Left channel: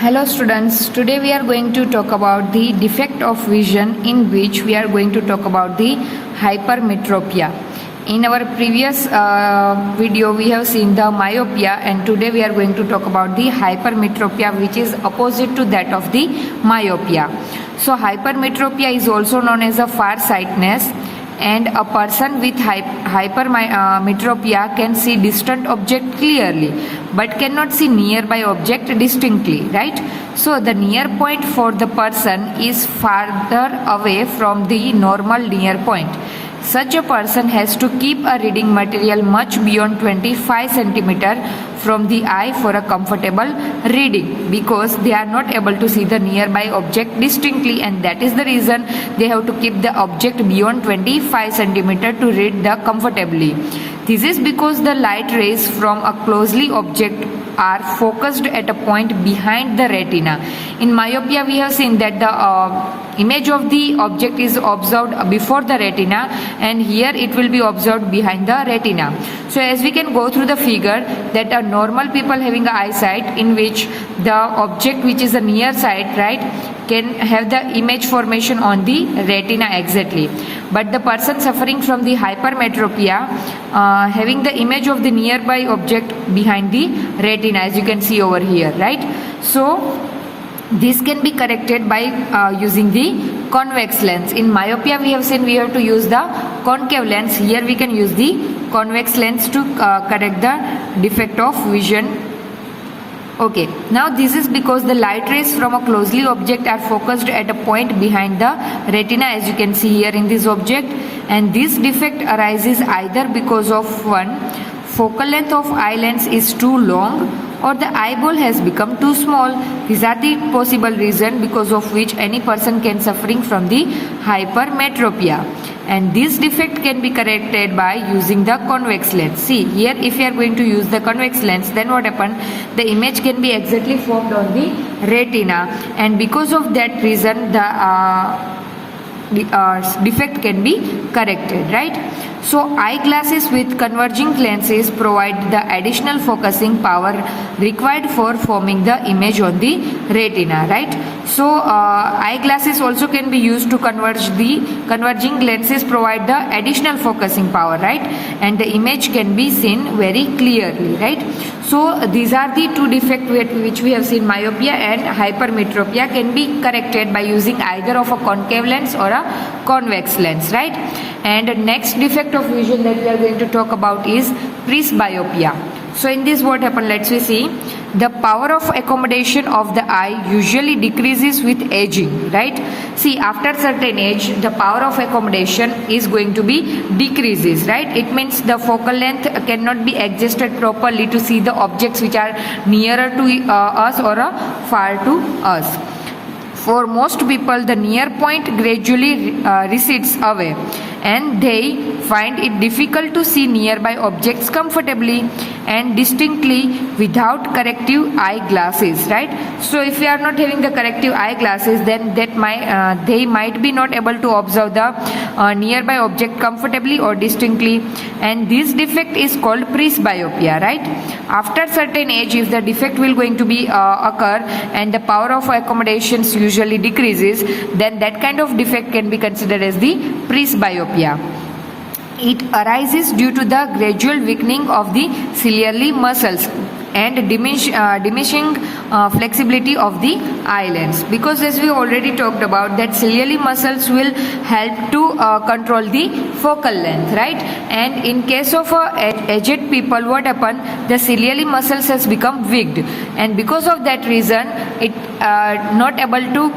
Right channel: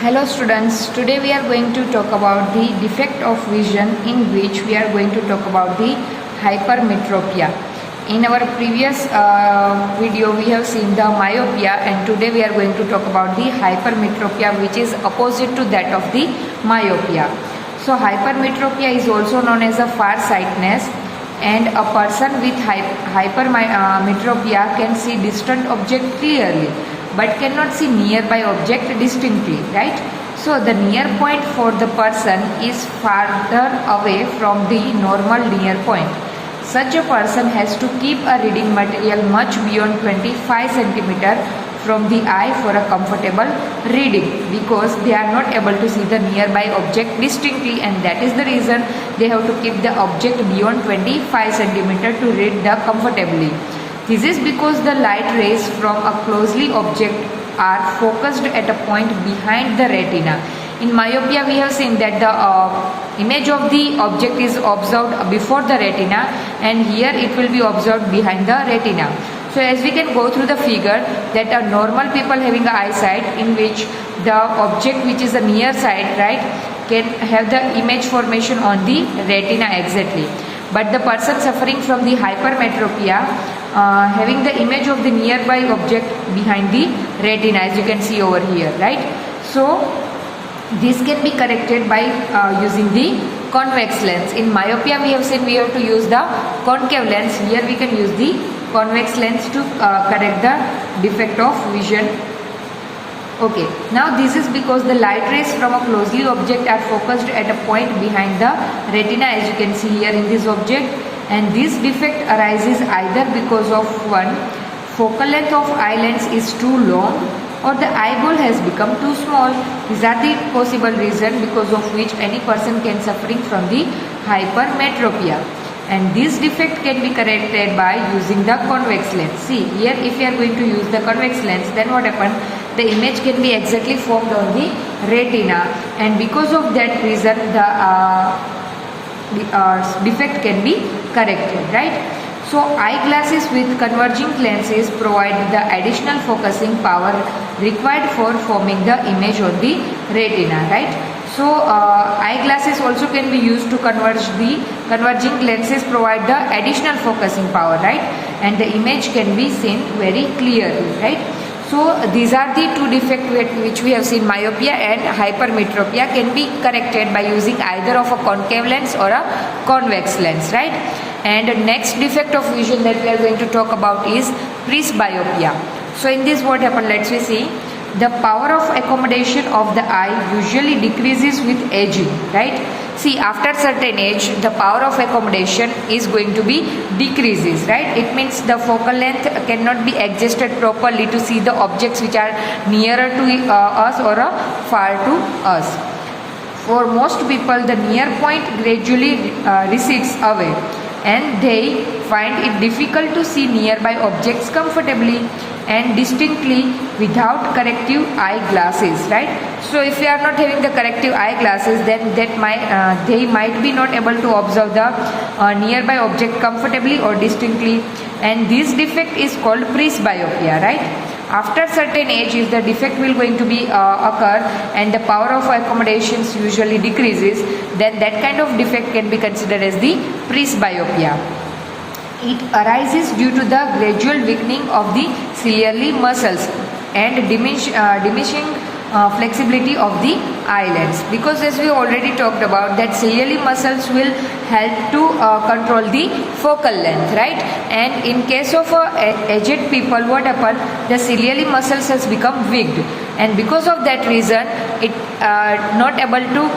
Hello students, today we are going to talk about the defect of vision, in which we are going to talk about the hypermetropia. In our previous video we have seen the myopia, and today we are going to talk about the hypermetropia, which is opposite to that of the myopia. So hypermetropia is also known as a farsightedness, and a person with hypermetropia can see distant object clearly but cannot see nearby object distinctly, right? So the near point for the person is farther away from the normal near point. Such a person has to keep a reading material much beyond 25 centimeter from the eye for a comfortable reading, because they are not able to see the nearby object distinctly, and that is the reason they have to keep the object beyond 25 centimeter to read the comfortably. This is because the light rays from a closely object are focused at a point behind the retina. In myopia we have seen that the image of the object is observed before the retina, and here it will be observed behind the retina. So as we can go through the figure, that a normal people having a eyesight in which the object which is the near side, right, can have the image formation on the retina exactly. But the person suffering from the hypermetropia having the image of the nearby object behind the retina, as you can see over here, right? So this can be corrected by using the convex lens. In myopia we have seen we have to use the concave lens. Here we can use the convex lens to correct the defect of vision. Okay, now this is because the light rays from a closely object are focused at a point behind the retina, as you can see here in this object, and this defect arises either because of one, focal length of eye lens is too long, or the eyeball has become too small. These are the possible reasons because of which any person can suffering from the hypermetropia. And this defect can be corrected by using the convex lens. See here, if you are going to use the convex lens, then what happens? The image can be exactly formed on the retina, and because of that reason the defect can be corrected, right? So eyeglasses with converging lenses provide the additional focusing power required for forming the image on the retina, right? So eyeglasses also can be used to converge. The converging lenses provide the additional focusing power, right? And the image can be seen very clearly, right? So these are the two defects which we have seen. Myopia and hypermetropia can be corrected by using either of a concave lens or a convex lens, right? And the next defect of vision that we are going to talk about is presbyopia. So in this what happens, let's see. The power of accommodation of the eye usually decreases with aging, right? See, after certain age the power of accommodation is going to be decreases, right? It means the focal length cannot be adjusted properly to see the objects which are nearer to us or far to us. For most people the near point gradually recedes away, and they find it difficult to see nearby objects comfortably and distinctly without corrective eyeglasses, right? So if you are not having the corrective eyeglasses, then they might be not able to observe the nearby object comfortably or distinctly, and this defect is called presbyopia, right? After certain age, if the defect will going to be occur and the power of accommodations usually decreases, then that kind of defect can be considered as the presbyopia. It arises due to the gradual weakening of the ciliary muscles and diminishing flexibility of the eyelids, because as we already talked about that ciliary muscles will help to control the focal length, right? And in case of aged people, what happen? The ciliary muscles has become weak, and because of that reason it not able to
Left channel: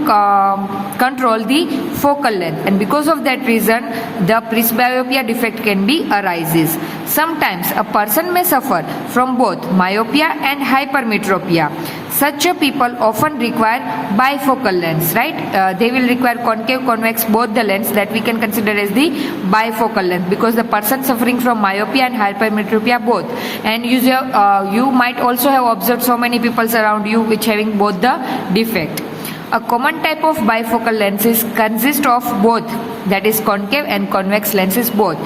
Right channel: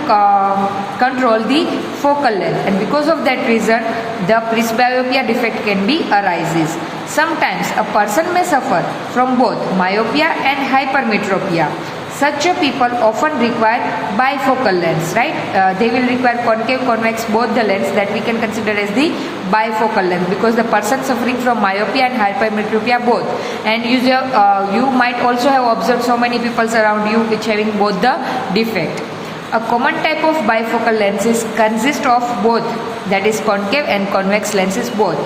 control the focal length, and because of that reason the presbyopia defect can be arises. Sometimes a person may suffer from both myopia and hypermetropia. Such a people often require bifocal lens, right? They will require concave, convex, both the lens that we can consider as the bifocal lens, because the person suffering from myopia and hypermetropia both. And you might also have observed so many people around you which having both the defect. A common type of bifocal lenses consist of both, that is concave and convex lenses both.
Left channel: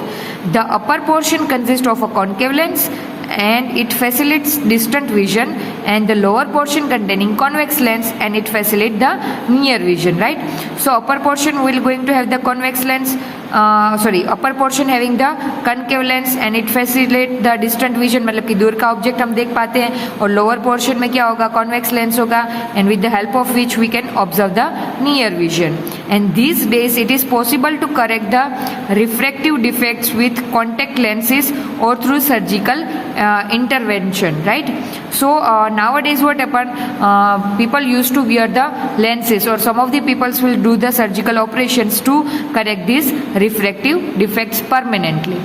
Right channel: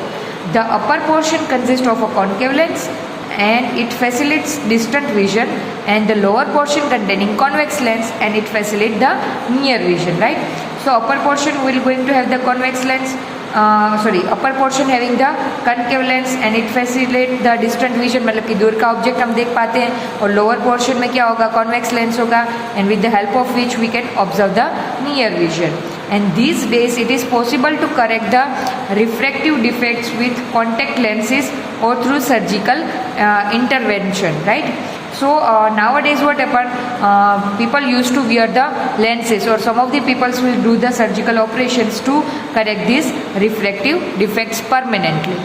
The upper portion consists of a concave lens and it facilitates distant vision, and the lower portion containing convex lens, and it facilitates the near vision, right? So upper portion will going to have the convex lens, upper portion having the concave lens and it facilitate the distant vision, मतलब कि दूर का object हम देख पाते हैं, और lower portion में क्या होगा, कॉन्वेक्स लेंस होगा, and with the help of which we can observe the near vision. And these days it is possible to correct the refractive defects with contact lenses or through surgical intervention, right? So nowadays what happened, people used to wear the lenses, or some of the people will do the surgical operations to correct these refractive defects permanently.